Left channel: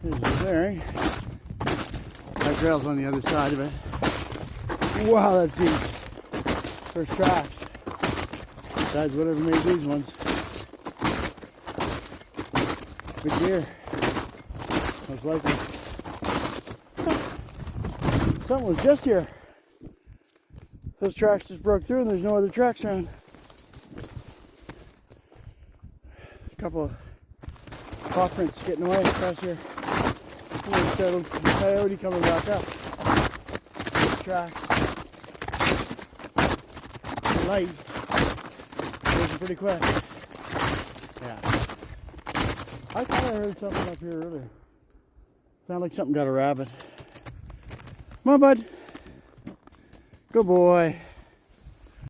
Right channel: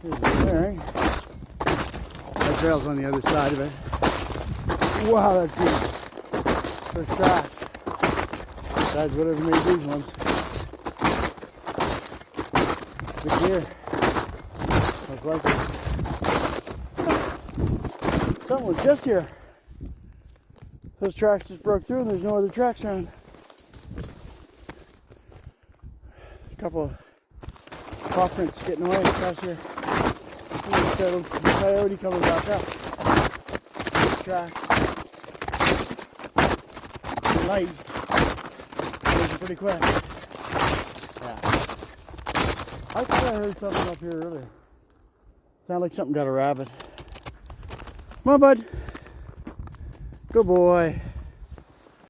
There's a clearing. Our trail's on the other side of it. Wow, that's deep. They're soft. Besides whatever made these ones. Good deer. Most likely. Something was just here. Those tracks just broke through and there's no other tracks around. A couple of paw prints getting away across here. Coyote coming back up. Tracks. Light. Goes pretty quick. Yeah. I thought I heard something up here earlier. Sounded like something got a rabbit. Come on, bud. Good boy.